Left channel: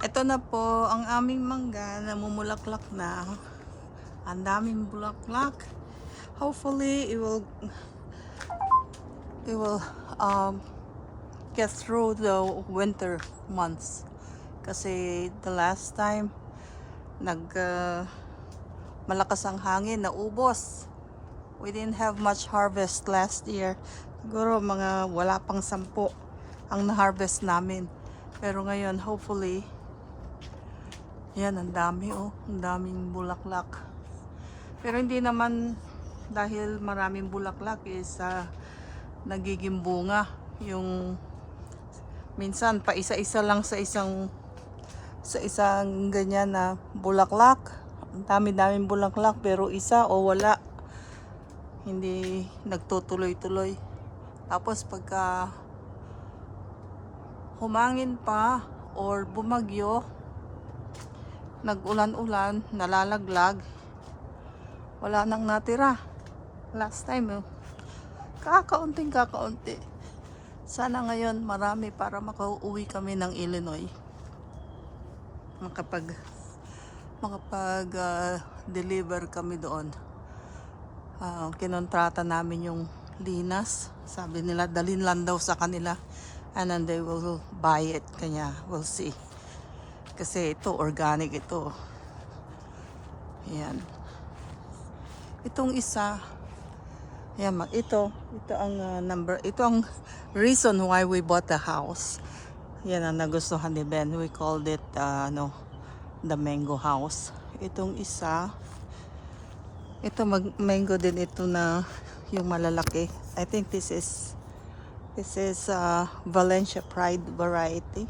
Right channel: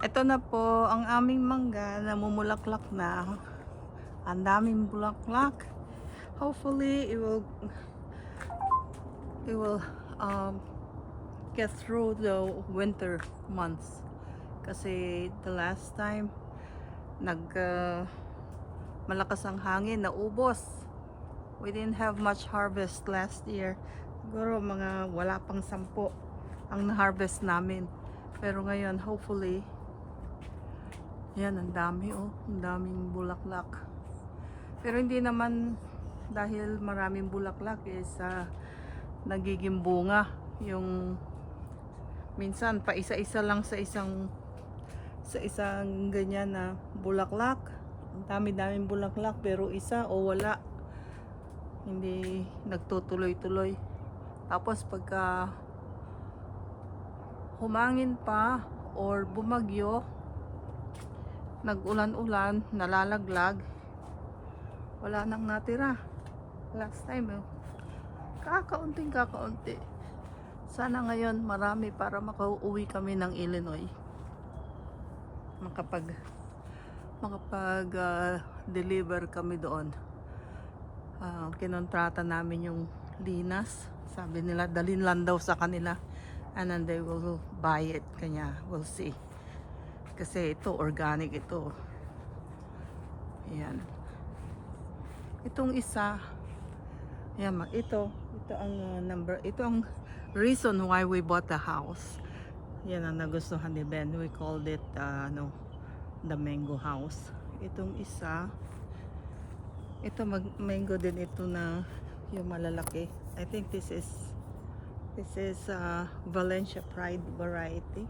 Ito na po ang aming mangga, namumulaklak na. Ang daming bulaklak. Hopefully it will get through the winter months. Kasi the last time malakas ang hangin, naubos. We didn't have much harvest last year. Siguro mga wala pang 10 ang na-harvest namin. Pero ngayon, hopefully, yan, ang dami oh. Ang daming bulaklak. Pero hindi naman dahil maraming bulaklak is nagiging bunga. Yung minsan pa isa-isa lang sa isang ganyan na bulaklak. Ang dami-daming bulaklak pero isa o wala. Hindi nagtutuloy-tuloy. Tapos pagka humangin pa or bumagyo, nag-ulan-ulan, nalalaglag, wala nang natira. Last time kakaunti. Sana ngayon marami para makauwi kami ng Illinois. Makapag-deliver kami doon. Kinontrata namin yung linas. Sabi nila dalhin lang daw sa kanila and then they will buy it. Kanya we'll see. Kasi ito organic ito. Yan. Itong isa, yan, ito ang ito ang reason why we bought the house. Yan ang nagustuhan ni Ben. We called it the mango house. Itong isa, ito mango din ito na yung malalaki. I think this is Valencia Pride variety.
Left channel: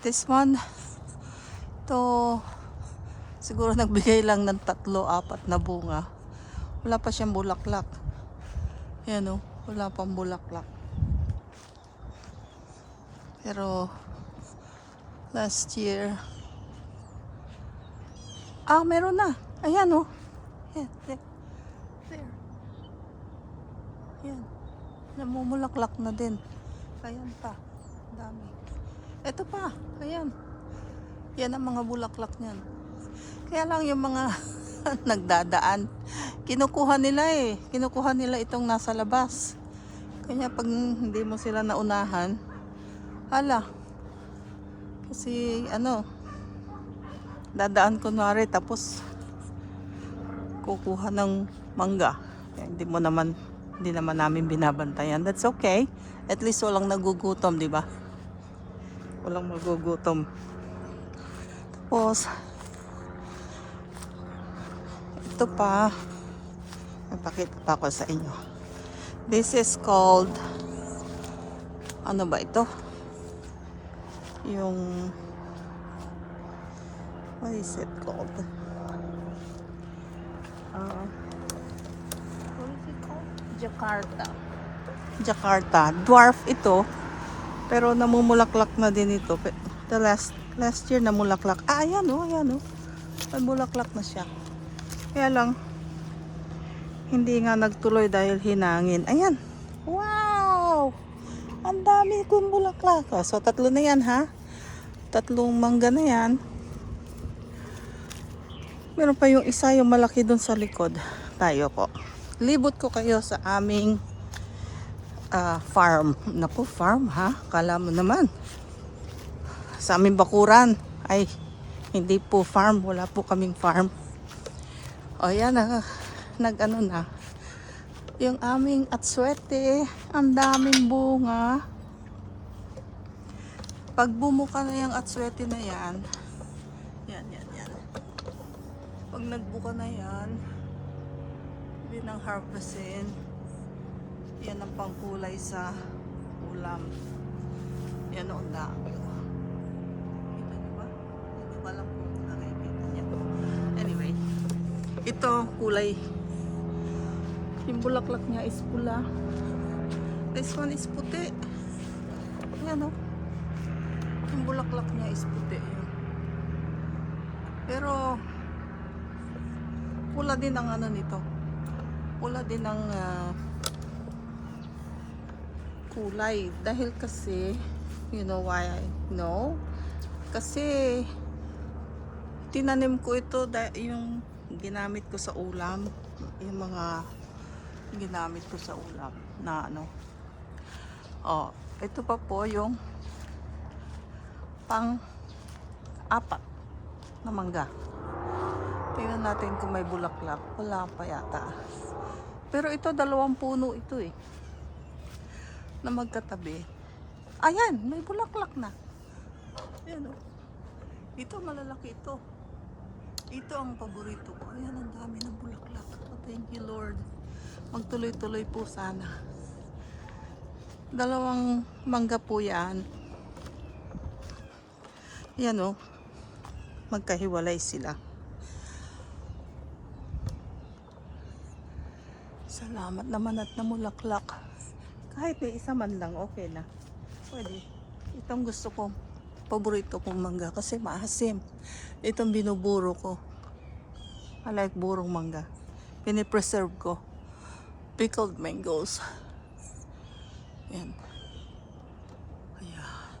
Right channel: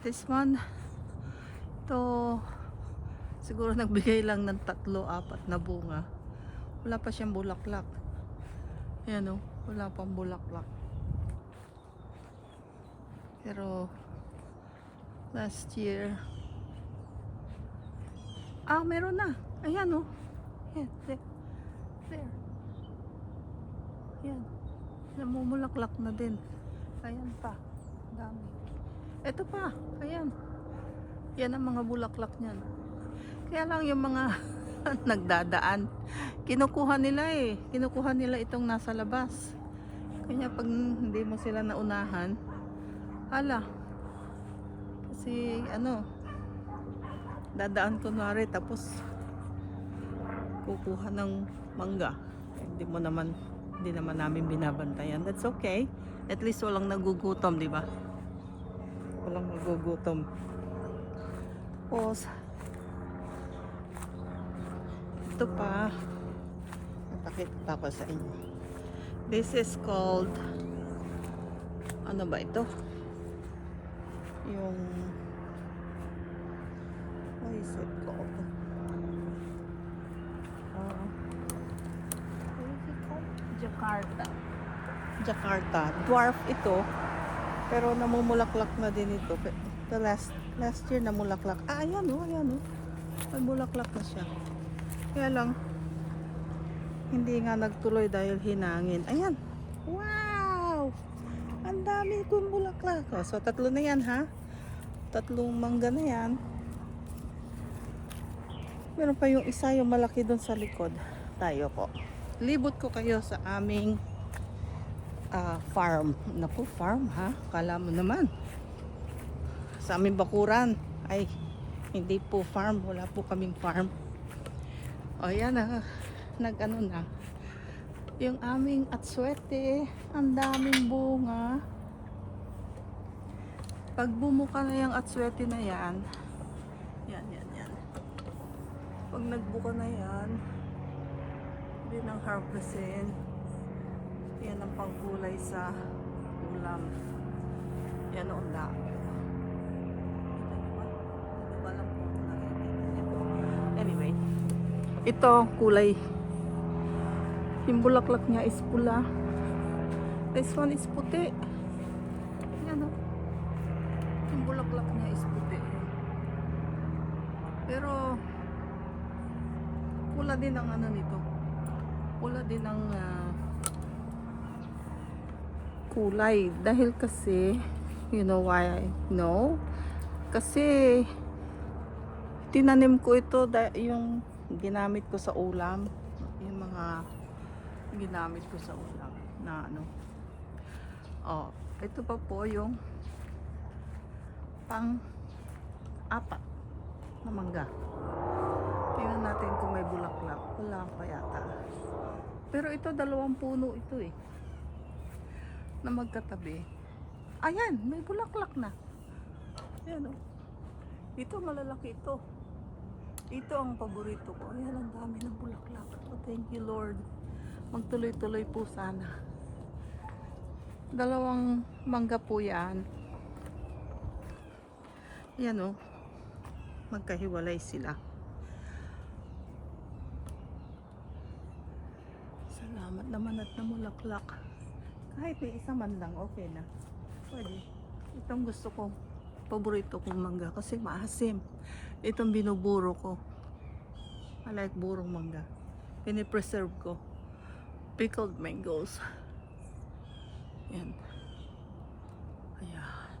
This one, to siguro nagbigay lang ng 3-4 na bunga. Wala pa siyang bulaklak. Yan wala pang bulaklak. Pero last year, meron na. Ayan Yan, there. Yan. Namumulaklak na din. Ayan pa. Dami. Ito pa. Ayan. Yan ang mga bulaklak niyan. Kaya lang yung mga nagdadaan, kinukuha nila itong nasa labas. Kanya pag hindi mo sila naunahan, hala, kasi dadaan kunwari tapos kukuha ng mangga. Hindi naman namin binabantayan. That's okay. At least walang nagugutom, di ba? Walang magugutom. Tapos ito pa, ipakita pa ko sa inyo. This is called, ano ba ito? Yung, what is it called? What is it called? Jakarta. Dwarf ito, pero namumulaklak na din ito. The last year namulaklak. Ayan namulaklak na siya. Kaya lang, hindi nga nagtuloy dahil hinangin. Ayan. Wow! Ang dami kong bulaklak. So, 3 na yan, ha? 3 mangga na yan. Meron pa yung isa, yung malaki dun sa likod. Tayo po. Libot ko kayo sa aming farm. Naku, farm, ha? Kala mo naman. Sa aming bakuran. Ay, hindi po farm. Wala po kaming farm. O yan nag-ano na yung aming atswete. Ang daming bunga. Pag bumuka na yung atswete na yan, pag nagbuka na yan, hindi nang harvestin. Yan ang pangkulay sa ulam. Yan ang dami. Kita nyo ba? Hindi ko alam kung nakikita nyo. Anyway, ito kulay, yung bulaklak niya is pula. This one is puti. Yan yung bulaklak niya is puti. Yan. Pero pula din ang nito. Pula din ang kulay. Dahil kasi, you know why I know? Kasi tinanim ko ito yung ginamit ko sa ulam, yung mga ginamit ko sa ulam na ano. Oh, ito pa po yung pang apat na mangga. Tingnan natin kung may bulaklak. Wala pa yata. Pero ito, 2 puno ito eh, na magkatabi. Ayan, may bulaklak na. Ayan oh. Ito, malalaki ito. Ito ang paborito ko. Ayan, ang dami ng bulaklak. Oh, thank you Lord. Magtuloy-tuloy po sana. 2 mangga po yan. Ayan oh. Magkahiwalay sila. Salamat naman at namulaklak. Kahit may isa man lang, okay na. Pwede. Itong gusto kong, paborito kong mangga kasi maasim. Itong binuburo ko. I like burong mangga. Pinipreserve ko. Pickled mangoes. Yan. Ayan.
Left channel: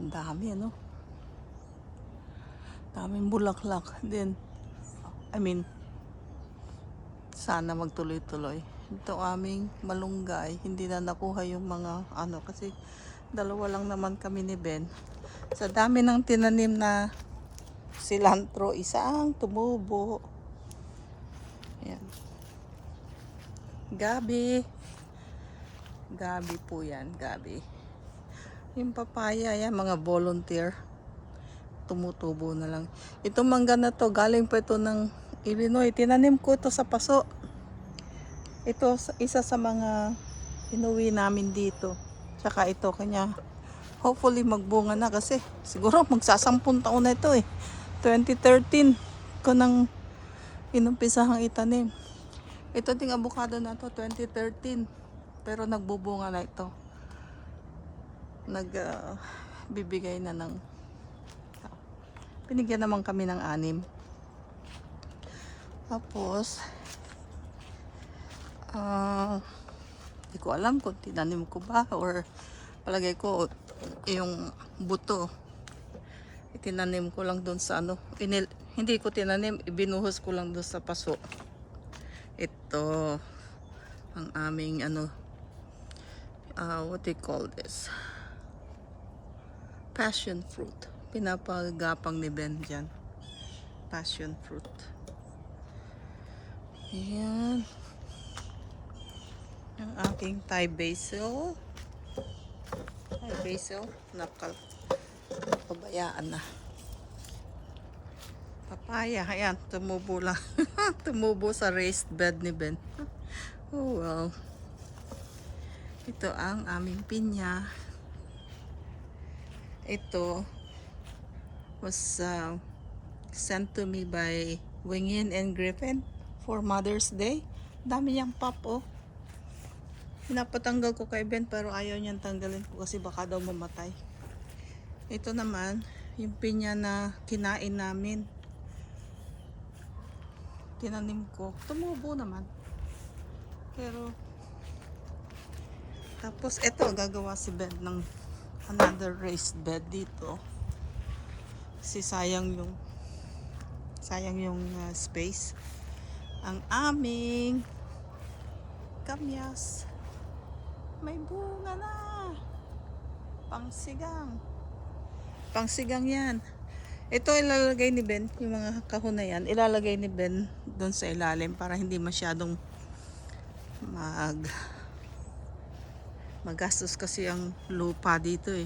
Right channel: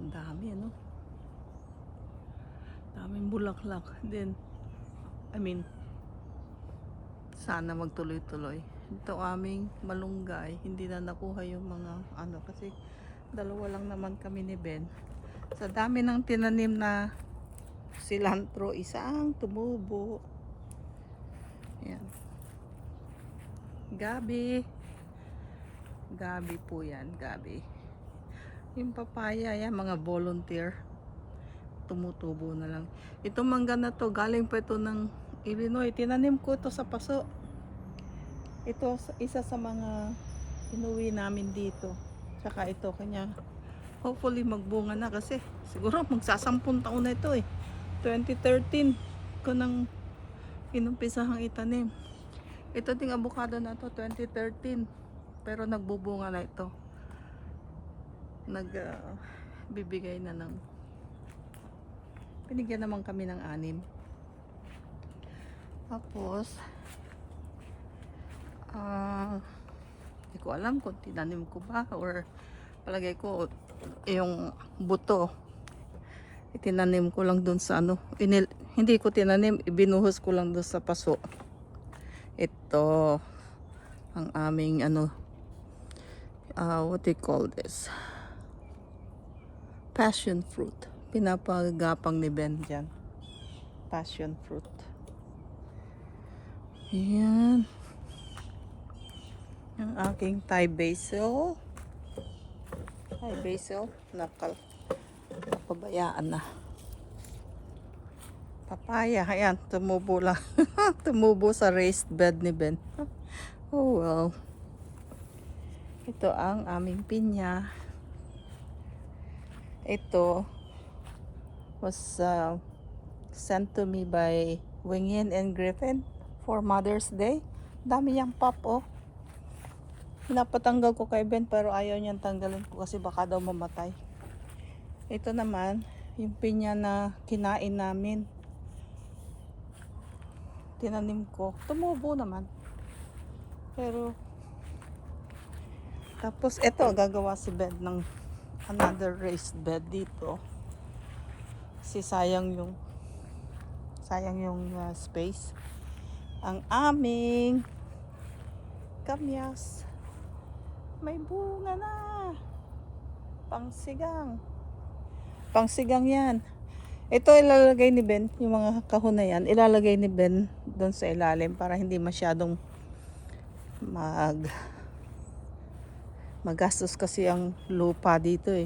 Ang dami ano. Daming bulaklak. Then, sana magtuloy-tuloy. Ito aming malunggay, hindi na nakuha yung mga ano kasi 2 lang naman kami ni Ben. Sa dami ng tinanim na cilantro, isang tumubo. Yan. Gabi. Gabi po yan, gabi. Yung papaya, yan, mga volunteer. Tumutubo na lang. Itong mangga na to, galing pa ito ng Illinois. Tinanim ko ito sa paso. Ito isa sa mga inuwi namin dito. Tsaka ito kanya. Hopefully magbunga na kasi siguro magsasampung taon na ito eh. 2013 ko nang inumpisahang itanim. Ito ding avocado na to 2013. Pero nagbubunga na ito. Bibigay na ng binigyan naman kami ng 6. Tapos hindi ko alam kung tinanim ko ba or palagay ko yung buto itinanim ko lang dun sa ano, hindi ko tinanim, ibinuhos ko lang dun sa paso. Ito ang aming ano, what do you call this, passion fruit. Pinapagapang ni Ben dyan, passion fruit. Ayan ang aking Thai basil. Thai basil, napabayaan na. Papaya, ayan, tumubo lang. Tumubo sa raised bed ni Ben. Oh well. Ito ang aming pinya. Ito was sent to me by Wingin and Griffin for Mother's Day. Dami niyang pop oh. Pinapatanggal ko kay Ben pero ayaw niyang tanggalin ko kasi baka daw mamatay. Ito naman yung pinya na kinain namin. Tinanim ko. Tumubo naman. Pero tapos ito gagawa si Ben ng another raised bed dito. Kasi sayang yung space. Ang aming kamyas may bunga na. Pangsigang yan. Ito ilalagay ni Ben, yung mga kahon na yan ilalagay ni Ben doon sa ilalim para hindi masyadong magastos kasi ang lupa dito eh.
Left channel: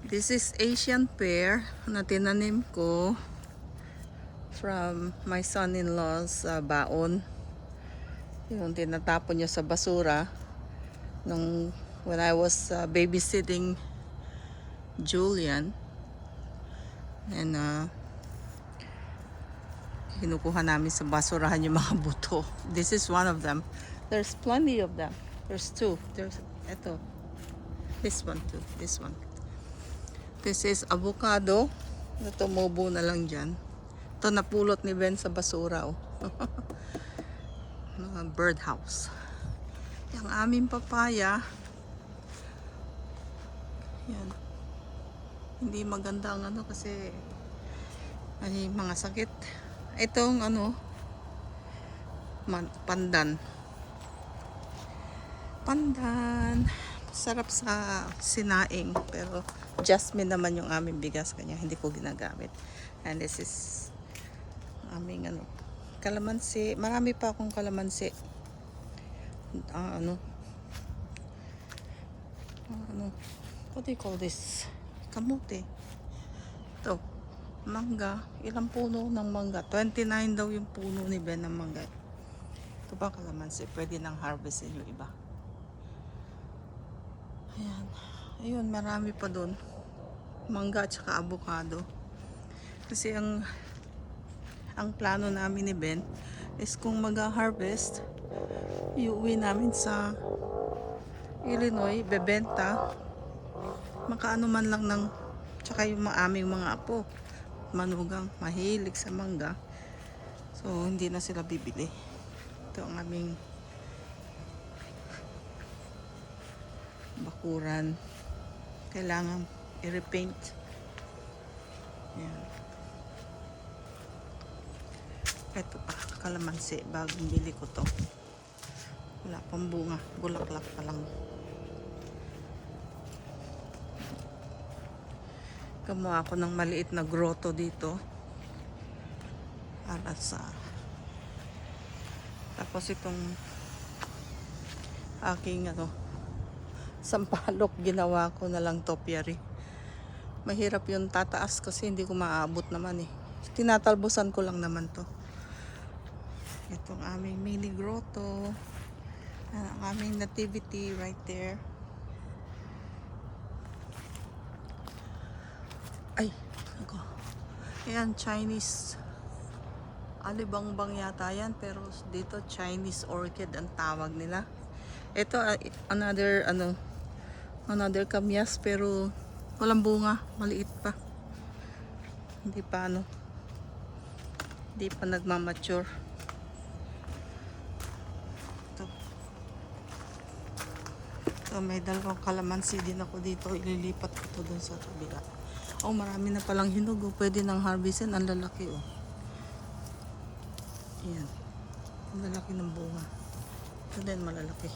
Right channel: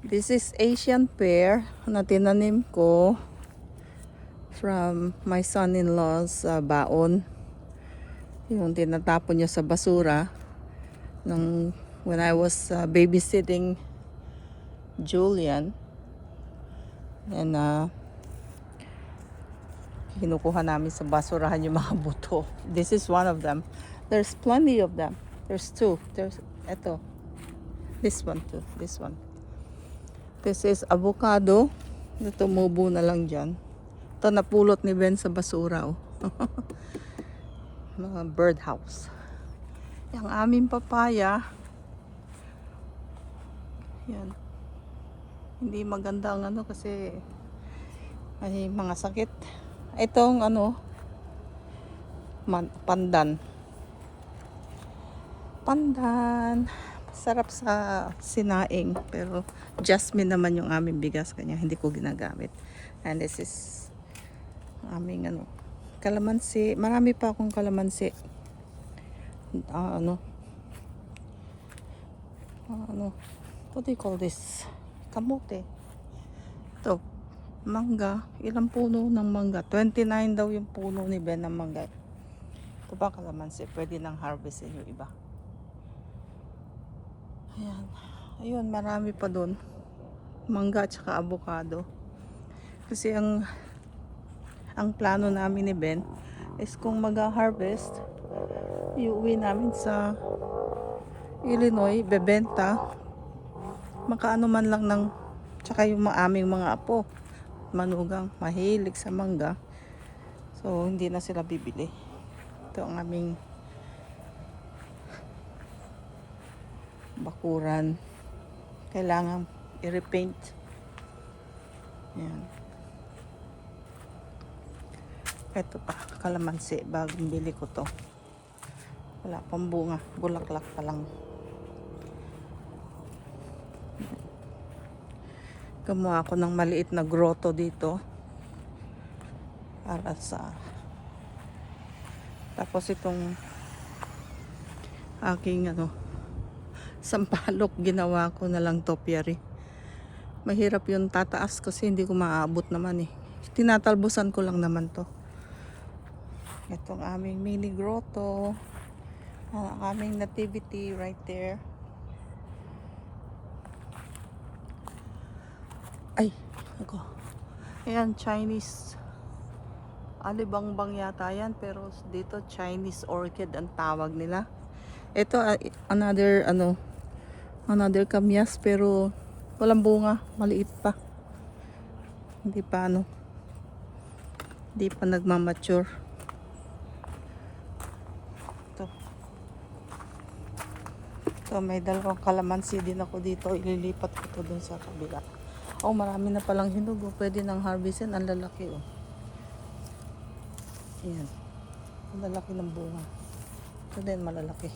This is Asian pear na tinanim ko from my son-in-law's baon. Yung tinatapon niya sa basura when I was babysitting Julian. And kinukuha namin sa basurahan yung mga buto. This is one of them. There's plenty of them. There's 2. There's ito. This one too. This one. This is avocado. Ito tumubo na lang dyan. Ito napulot ni Ben sa basura. Oh. Mga birdhouse. Ang aming papaya. Yan. Hindi maganda ang ano kasi ay mga sakit. Itong ano, pandan. Pandan. Sarap sa sinaing. Pero jasmine naman yung aming bigas kanya hindi ko ginagamit. And this is aming ano, kalamansi. Marami pa akong kalamansi. Ano, what do you call this? Kamote. Ito, mangga. Ilang puno ng mangga? 29 daw yung puno ni Ben ng mangga. Ito ba kalamansi? Pwede nang harvestin yung iba. Ayan. Ayun, marami pa dun. Mangga at saka avocado. Kasi ang plano namin ni Ben is kung mag-harvest, iuwi namin sa Illinois, bebenta. Makaano man lang ng, tsaka yung aming mga apo, manugang, mahilig sa mangga. So, hindi na sila bibili. Ito ang aming bakuran. Kailangan i-repaint. Yan. Ito pa, kalamansi. Bagong bili ko to. Wala pang bunga. Bulaklak pa lang. Gumawa ako ng maliit na grotto dito. Para sa... Tapos itong aking ano, sampalok, ginawa ko na lang topiary. Mahirap yung tataas kasi hindi ko maaabot naman eh. Tinatalbusan ko lang naman to. Itong aming mini grotto. Ang aming nativity right there. Ay, ako. Ayan, Chinese. Alibangbang yata yan, pero dito Chinese orchid ang tawag nila. Ito another kamyas, pero walang bunga, maliit pa. Hindi pa nagmamature. Ito, may dalawang kalamansi din ako dito. Ililipat ko to dun sa kabila. Oh, marami na palang hinog. Oh. Pwede nang harvestin. Ang lalaki, oh. Ayan. Ang lalaki ng bunga. Ito din, malalaki.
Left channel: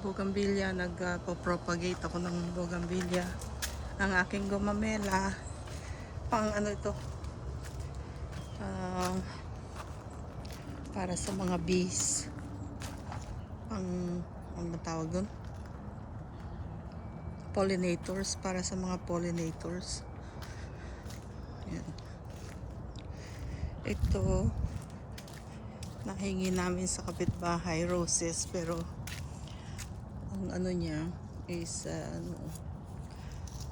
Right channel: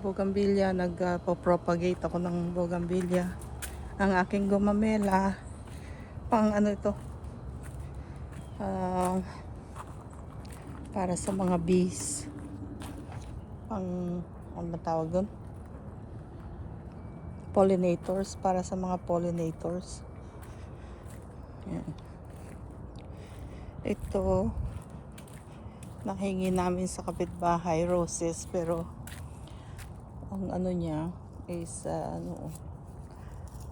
Bougainvillea. Nagpo-propagate ako ng bougainvillea. Ang aking gumamela. Pang ano ito? Para sa mga bees. Ano tawag doon? Pollinators. Para sa mga pollinators. Yan. Ito, nahingi namin sa kapitbahay, roses, pero ang ano niya is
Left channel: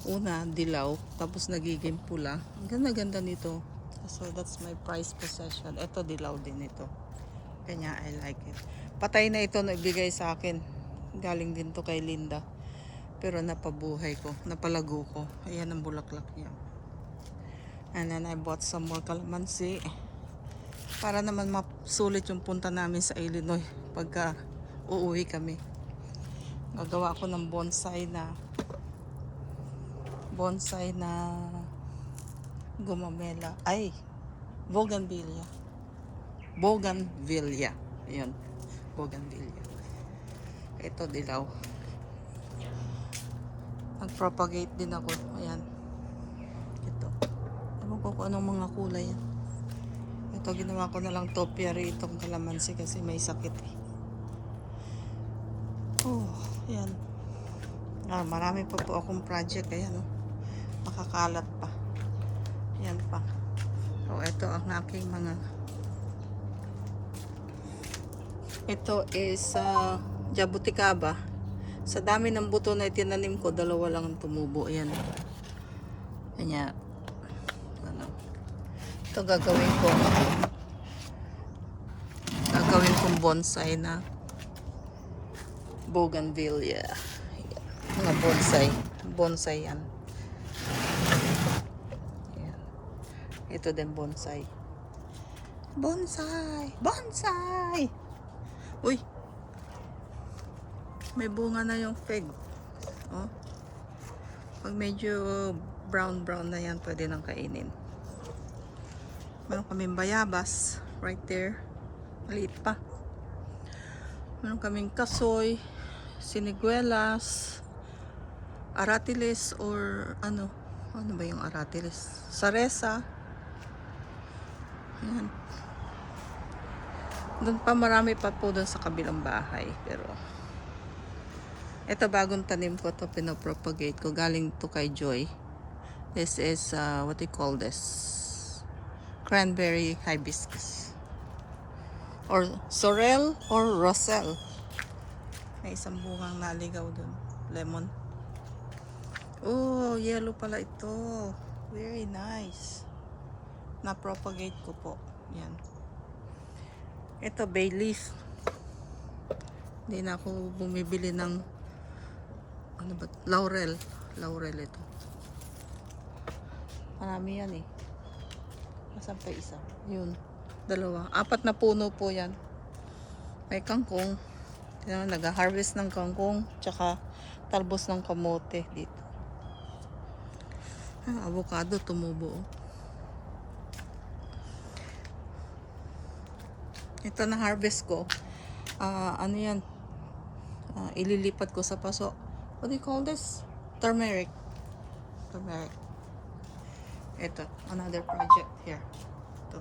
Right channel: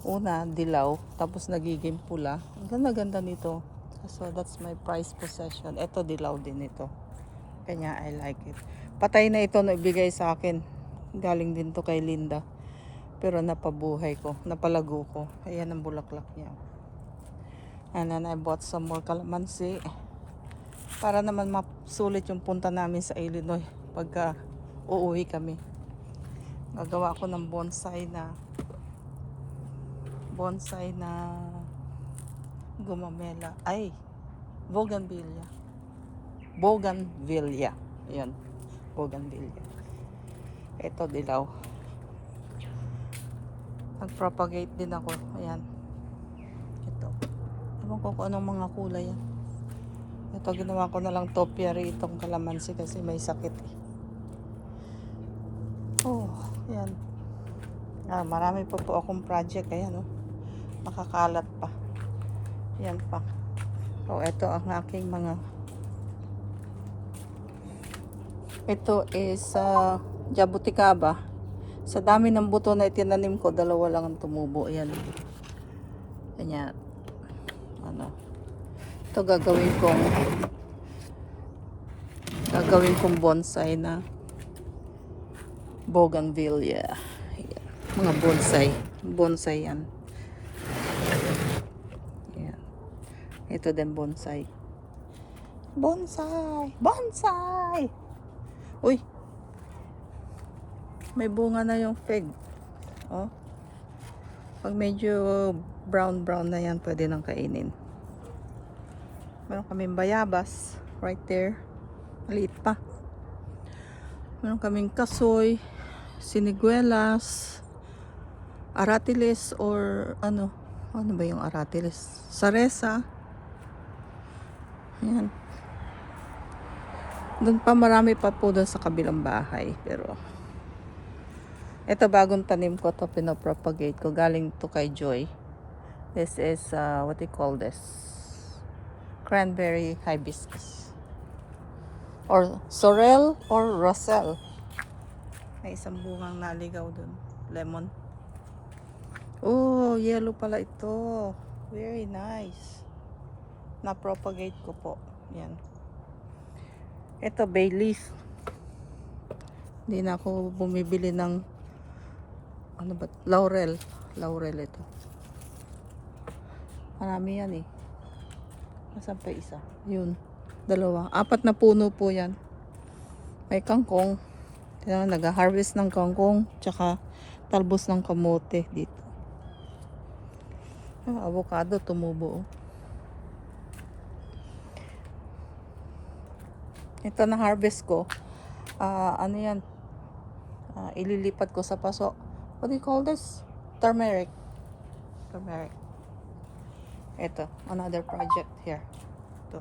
una, dilaw, tapos nagiging pula. Ang ganda-ganda nito. So, that's my prized possession. Ito, dilaw din ito. Kanya, I like it. Patay na ito na ibigay sa akin. Galing din to kay Linda. Pero napabuhay ko. Napalago ko. Ayan ang bulaklak niya. And then, I bought some more kalamansi. Para naman masulit yung punta namin sa Illinois. Pagka uuwi kami. Gagawa ko ng bonsai na gumamela. Ay, bougainvillea. Ayan, bougainvillea. Ito, dilaw. Nag-propagate din ako. Ayan. Ito. Ewan ko kung anong mga kulay yan. Ito, ginawa ko na lang topiary itong kalamansi kasi may sakit eh. Oh, ayan. Marami pa po akong project. Ayan, oh. Nakakalat pa. Yan pa. So, ito ang aking mga... Ito is jabuticaba. Sa dami ng buto na itinanim ko, dalawa lang ang tumubo. Ayan. Kanya, ito gagawin kong bonsai na bougainvillea. Bonsai yan. Ito din bonsai. Bonsai! Bonsai! Uy! May bunga na yung fig. Oh. Pag medyo brown na yan, pwede nang kainin. Meron kaming bayabas. Right there. Maliit pa. Meron kaming kasoy, siniguelas, aratiles or ano ba yung aratiles? Saresa. Yan. Doon pa marami pa po doon sa kabilang bahay. Pero ito bagong tanim ko to, pinapropagate ko. Galing to kay Joy. This is what do you call this? Cranberry hibiscus. Or sorrel or roselle. May isang bungang naligaw dun. Lemon. Oh, yellow pala ito. Very nice. Na-propagate ko po. Yan. Ito, bay leaf. Hindi na ako bumibili ng ano ba? Laurel. Laurel ito. Marami yan eh. Nasaan pa isa? Yun. Dalawa. 4 na puno po yan. May kangkong. Nag-harvest ng kangkong. Tsaka talbos ng kamote dito. Avocado tumubo. Ito na harvest ko. Ano yan? Ililipat ko sa paso. What do you call this? Turmeric. Turmeric. Ito. Another project here. Ito.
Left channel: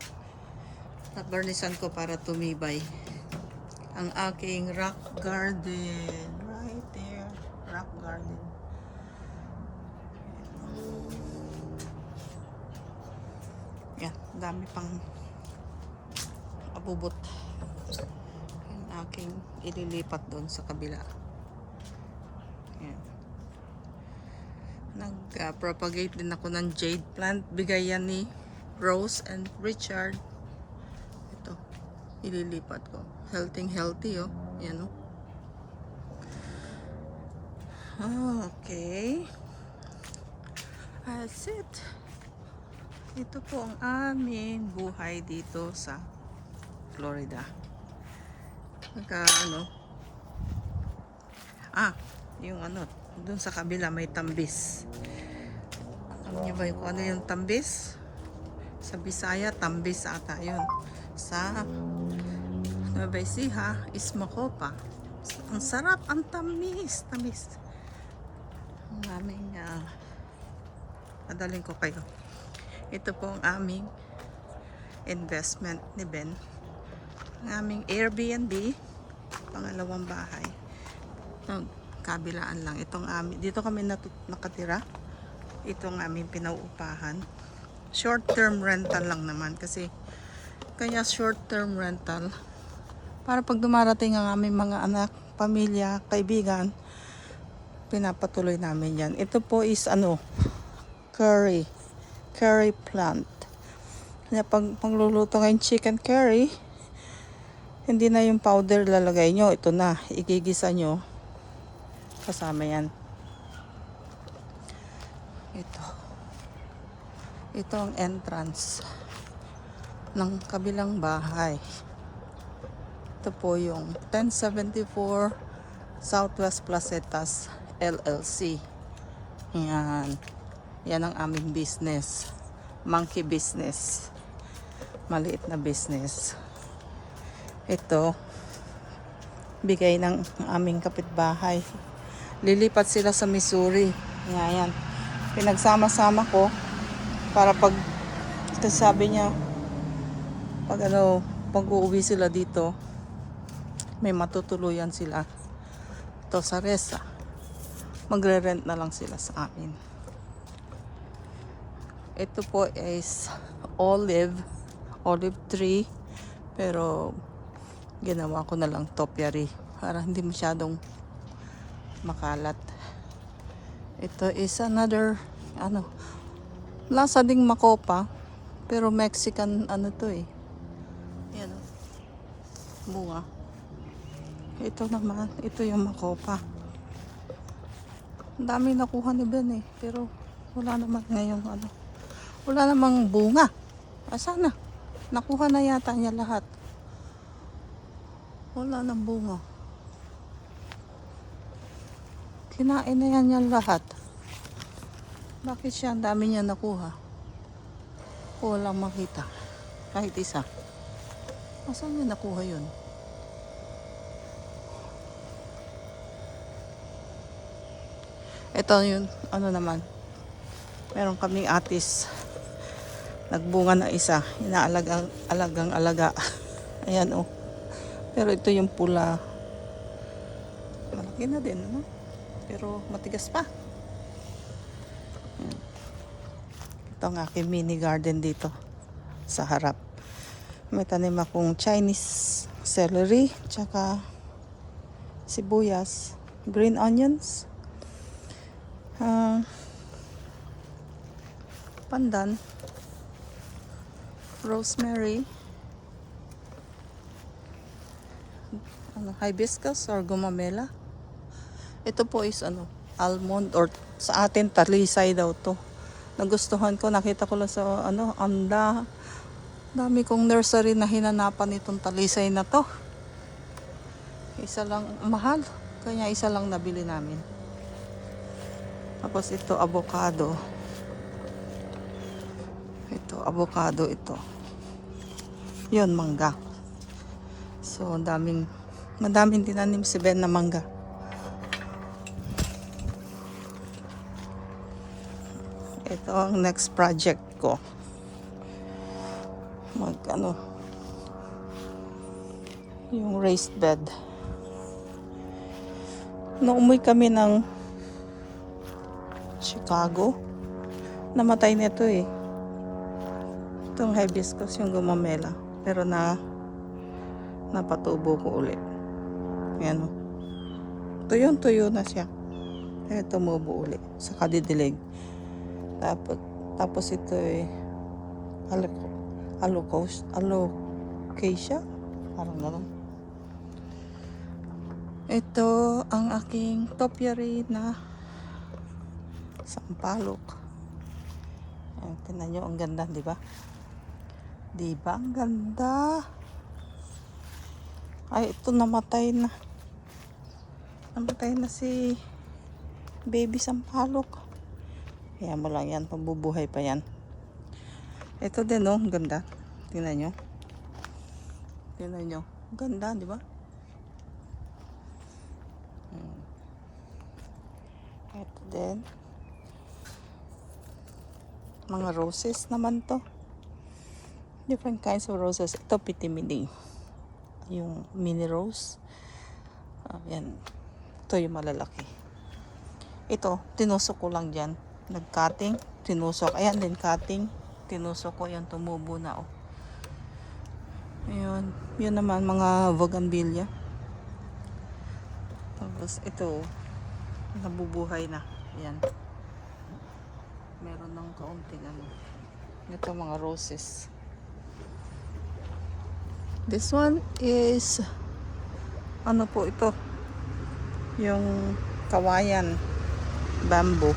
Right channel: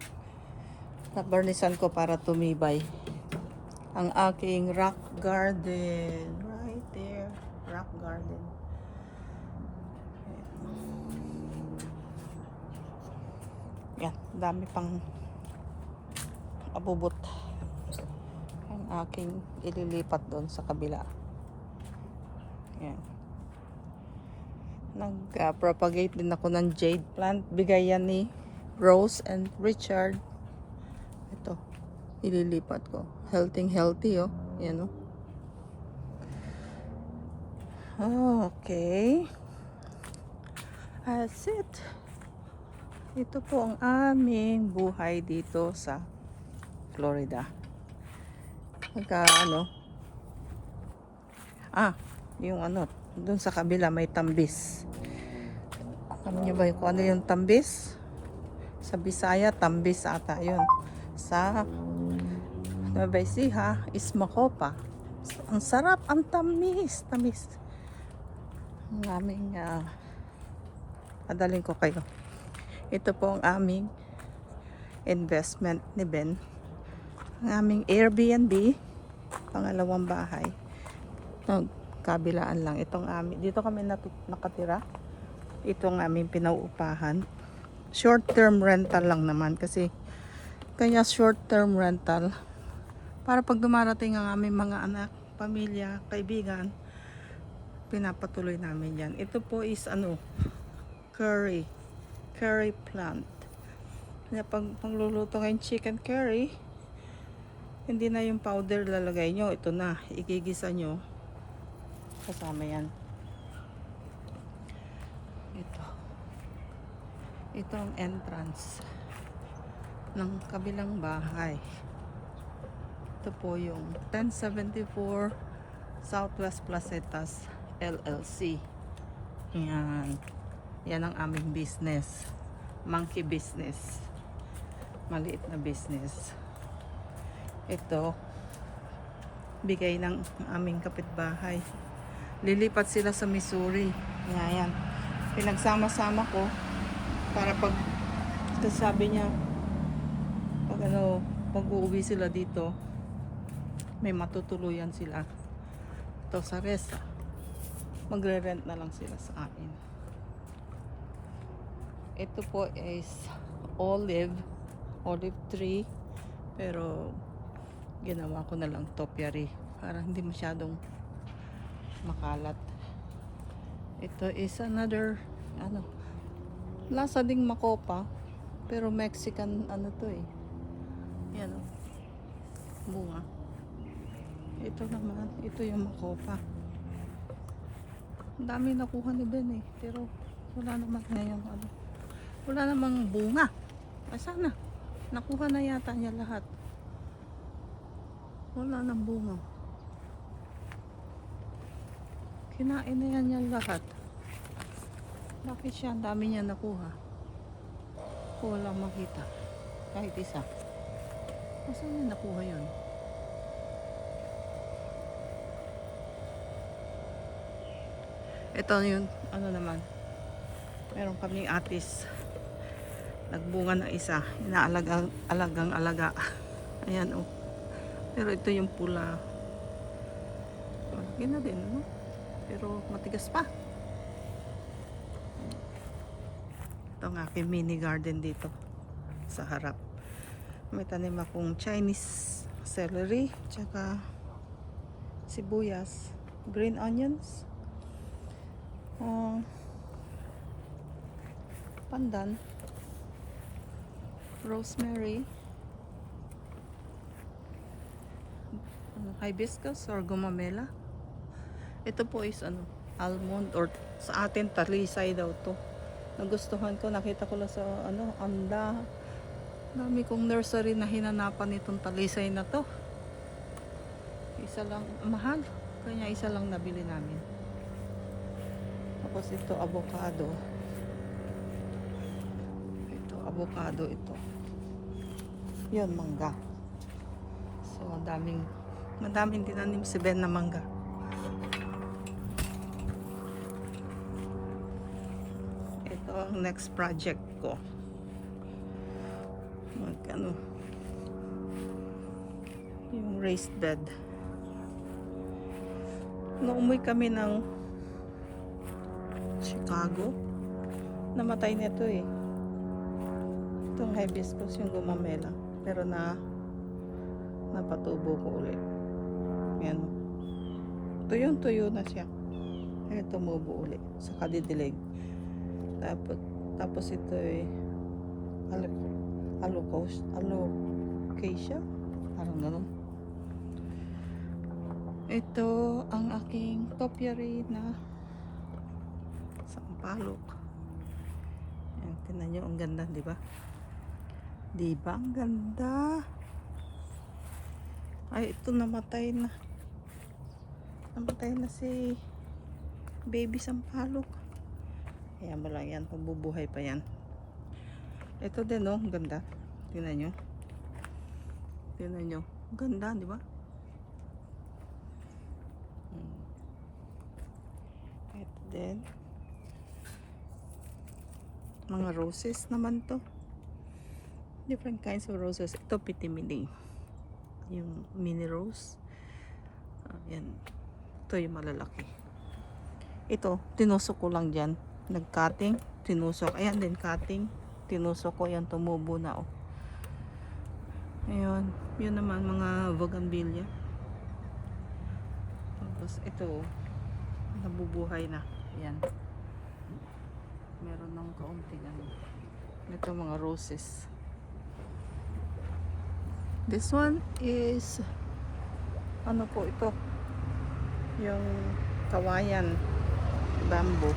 Nabarnisan ko para tumibay. Ang aking rock garden. Right there. Rock garden. Yan. Dami pang abubot. Ang aking ililipat doon sa kabila. Yan. Nag-propagate din ako ng jade plant. Bigay yan ni Rose and Richard. Ito. Ililipat ko. Healthy oh. Yan oh. Okay. That's it. Ito po ang aming buhay dito sa Florida. Yung doon sa kabila may tambis. Alam niyo ba kung ano yung tambis? Sa Bisaya, tambis ata yun. Sa Nueva Ecija is makopa. Ang sarap, ang tamis. Ang aming padaling ko kayo. Ito po ang aming investment ni Ben. Ang aming Airbnb, pangalawang bahay. Kabilaan lang. Dito kami nakatira. Ito ang aming pinauupahan. Short-term rental lang naman kasi kaya short-term rental para pag dumarating ang aming mga anak, pamilya, kaibigan, pinapatuloy namin yan. Ito po is curry plant. Kaya pag pagluluto ngayong chicken curry, hindi na yung powder lalagay nyo. Ito na, igigisa nyo. Kasama yan. Ito ang entrance ng kabilang bahay. Ito po yung 1074 Southwest Placetas LLC. Yan ang aming business. Monkey business. Maliit na business. Ito, bigay ng aming kapitbahay. Lilipat sila sa Missouri. Yan. Pinagsama-sama ko para kasi sabi niya pag uuwi sila dito, may matutuluyan sila. Ito sa Resa. Magre-rent na lang sila sa amin. Ito po is olive tree, pero ginawa ko na lang topiary para hindi masyadong makalat. Ito is another lasa ding makopa pero Mexican to eh. Yan oh. Bunga. Ito naman, ito yung makopa. Ang dami nakuha ni Ben eh, pero wala naman ngayong wala namang bunga. Asa na? Nakuha na yata niya lahat. Wala nang bunga. Kinain na yan niya lahat. Bakit siya ang dami niya nakuha? Walang makita. Kahit isa. Saan niya nakuha yun? Ito yun, ano naman. Meron kaming atis. Nagbunga na isa. Inaalagang alaga. Ayan oh. Pero ito yung pula. Malaki na din, ano? Pero matigas pa. Ayan. Ito ang aking mini garden dito. Sa harap. May tanim akong Chinese celery. Tsaka sibuyas. Green onions. Pandan. Rosemary. Hibiscus or gumamela. Ito po is almond or sa atin talisay daw to. Nagustuhan ko, nakita ko lang sa dami kong nursery na hinanapan itong talisay na to. Isa lang mahal, kaya isa lang nabili namin. Tapos ito avocado. Ito avocado ito. 'Yon mangga. So madaming tinanim si Ben na mangga. Ito ang next project ko. Yung raised bed. Nung umuwi kami ng Chicago, namatay nito eh. Itong hibiscus yung gumamela. Pero napatubo ko ulit. Ayan o. Tuyo na siya. Kaya tumubo ulit. Sa kadidilig. Tapos ito eh alocasia. Parang gano'n. Ito ang aking topiary na sampalok. Ayan, tingnan nyo, ang ganda, di ba? Di ba ang ganda? Ay, ito namatay na. Namatay na si baby sampalok. Kaya mo lang yan, mabubuhay pa yan. Ito din, oh, ang ganda. Tingnan nyo. Tingnan nyo. Ang ganda, di ba? Ito din. Mga roses naman to. Different kinds of roses. Ito pitimini. Yung mini rose. Ayan. Ito yung malalaki. Ito, tinusok ko lang dyan. Nag-cutting. Tinusok. Ayan din, cutting. Tinusok ko. Yan, tumubo na. Oh. Ayun. Yun naman, mga bougainvillea. Tapos ito, nabubuhay na. Ayan. Meron ng kaunting ito mga roses. This one is ano po ito? Yung kawayan bamboo.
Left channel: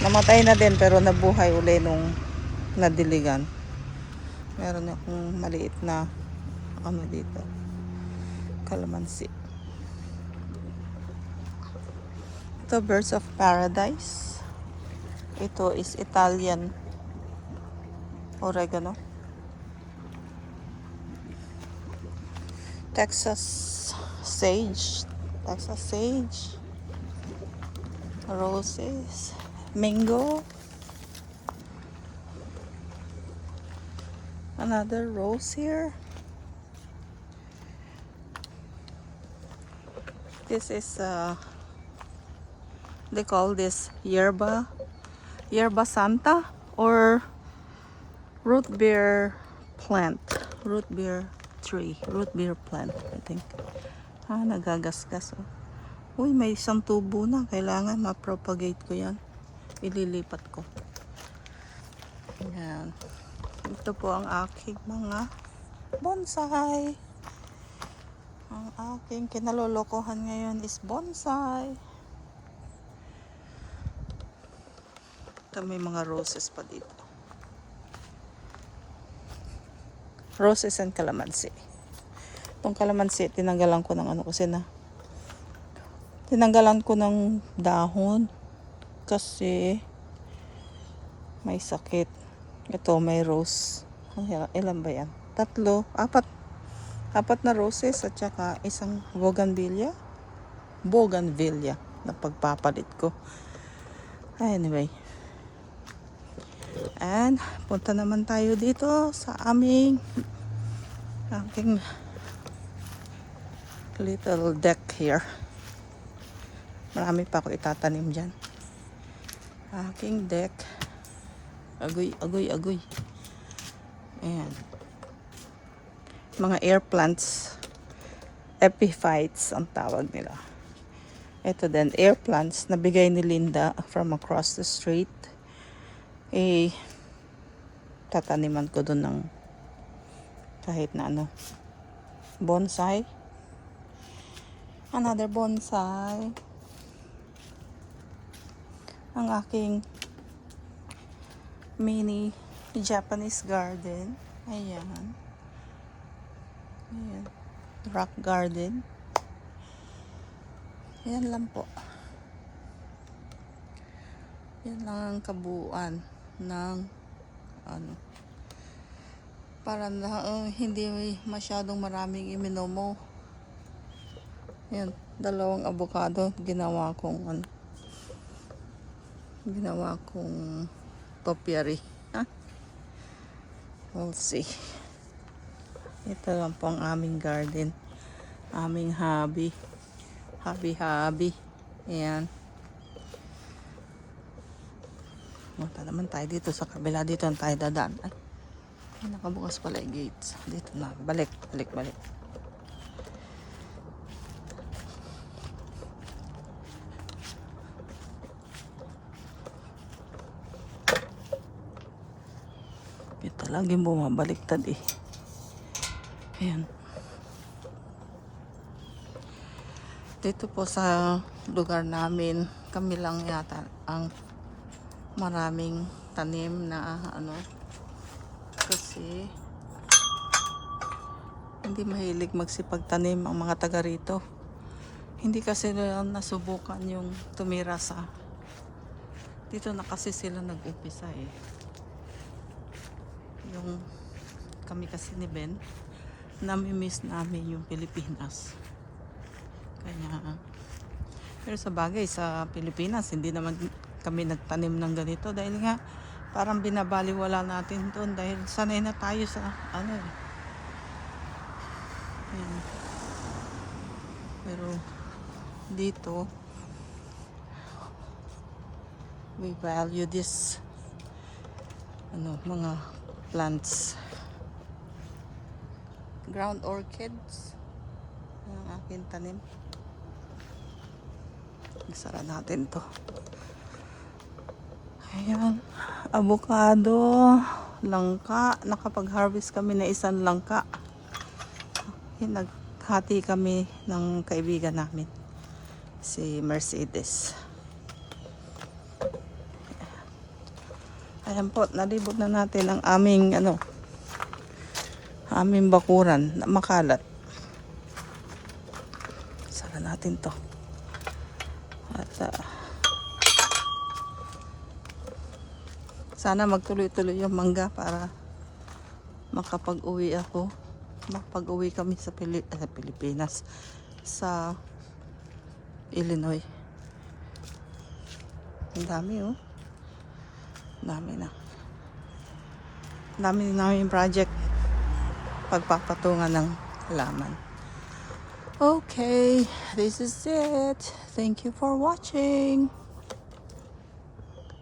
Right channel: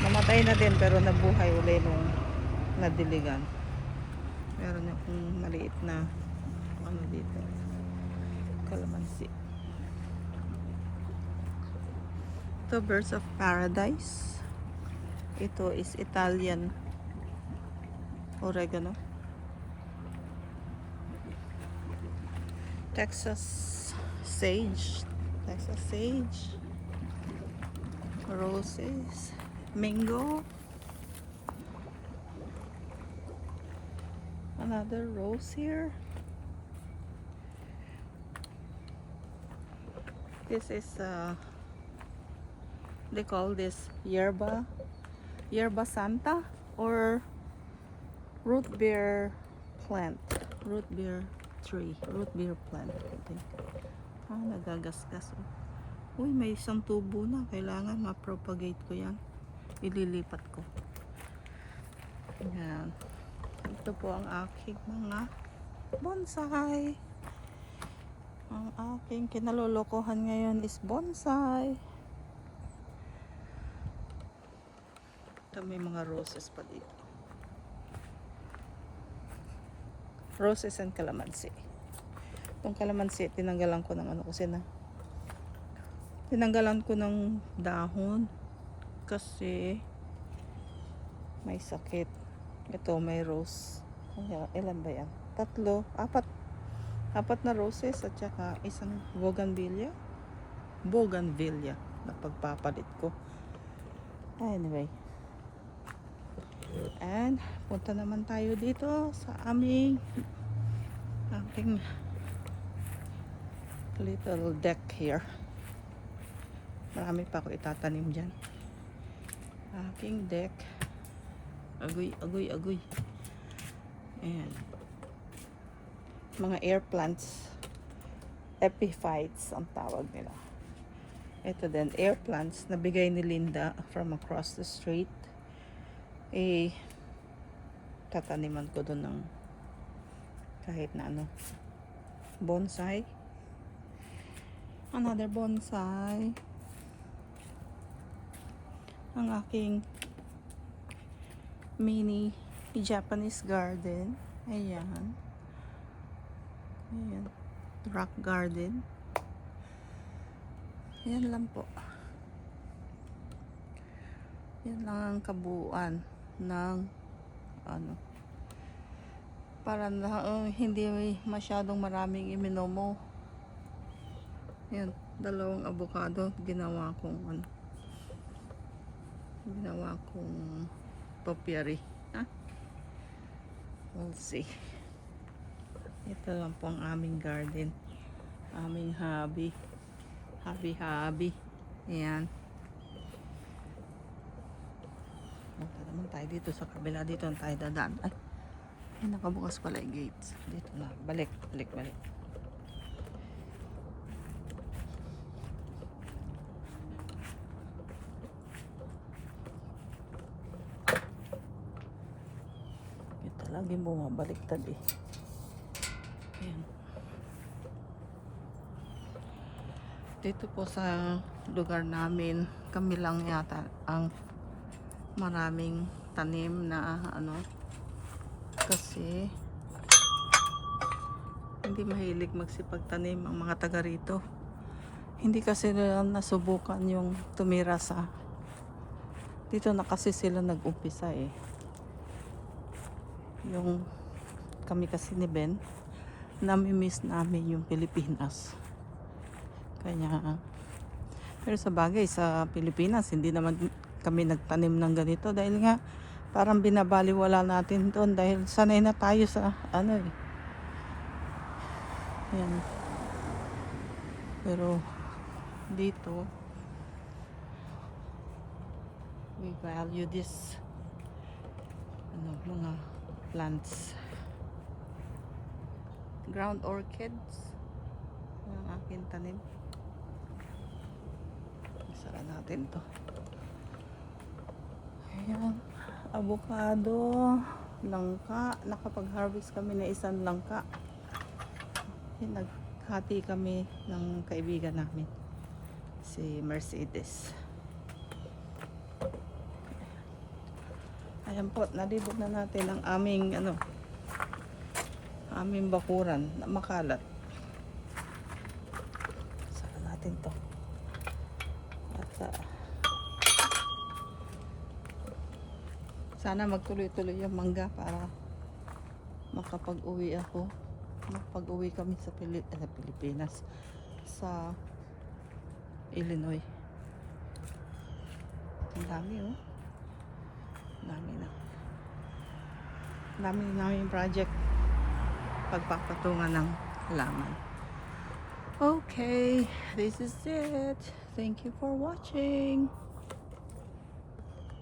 Namatay na din pero nabuhay uli nung nadiligan. Meron akong maliit na dito. Calamansi. Ito birds of paradise. Ito is Italian oregano. Texas sage. Roses. Mango. Another rose here. This is they call this yerba santa or root beer plant. Root beer plant, I think. Nagagasgas. Oh. Uy, may isang tubo na. Kailangan ma-propagate ko yan. Ililipat ko. Ayan. Ito po ang aking mga bonsai. Ang aking kinalolokohan ngayon is bonsai. Ito may mga roses pa dito. roses and calamansi. Itong calamansi, tinanggalan ko ng ano kasi na. Tinanggalan ko ng dahon kasi may sakit. Ito may rose. Ilan ba yan? 3, 4. 4 na roses at saka isang bougainvillea na pagpapalit ko. Anyway. And punta naman tayo dito sa aking little deck here. Marami pa ako itatanim dyan. Aking deck. Agoy. Ayan. Mga air plants. Epiphytes ang tawag nila. Ito din, air plants na bigay ni Linda from across the street. Tataniman ko doon ng kahit na ano. Bonsai. Another bonsai. Ang aking mini Japanese garden. Ayan. Rock garden. Yan lang po. Yan lang ang kabuuan ng ano. Para hindi masyadong maraming iminomo. Yan, 2 avocado ginawa kong topiary. We'll see. Ito lang po ang aming garden. Aming hobby. Ayan. Punta naman tayo dito sa kabila. Dito ang tayo dadaan. Ay, nakabukas pala yung gates. Dito na. Balik. Ito laging bumabaliktad eh. Ayan. Dito po sa lugar namin, kami lang yata ang maraming tanim na ano. Kasi hindi mahilig magsipagtanim ang mga taga rito. Hindi kasi nila nasubukan yung tumira sa dito na kasi sila nag-umpisa eh. Yung kami kasi ni Ben, nami-miss namin yung Pilipinas. Kaya, pero sa bagay, sa Pilipinas, hindi naman kami nagtanim ng ganito dahil nga parang binabaliwala natin doon dahil sanay na tayo sa ano eh. Yan. Pero dito, we value this mga plants. Ground orchids ang aking tanim. Isara natin to. Ayan, avocado, langka. Nakapag-harvest kami na isang langka. Naghati kami ng kaibigan namin, si Mercedes. Ayan po, nalibog na natin ang aming aming bakuran na makalat. Sara natin to. At sana magtuloy-tuloy yung mangga para makapag-uwi ako. Makapag-uwi kami sa Pilipinas, sa Illinois. Ang dami dami na. Dami namin project pagpapatungan ng halaman. Okay, this is it. Thank you for watching.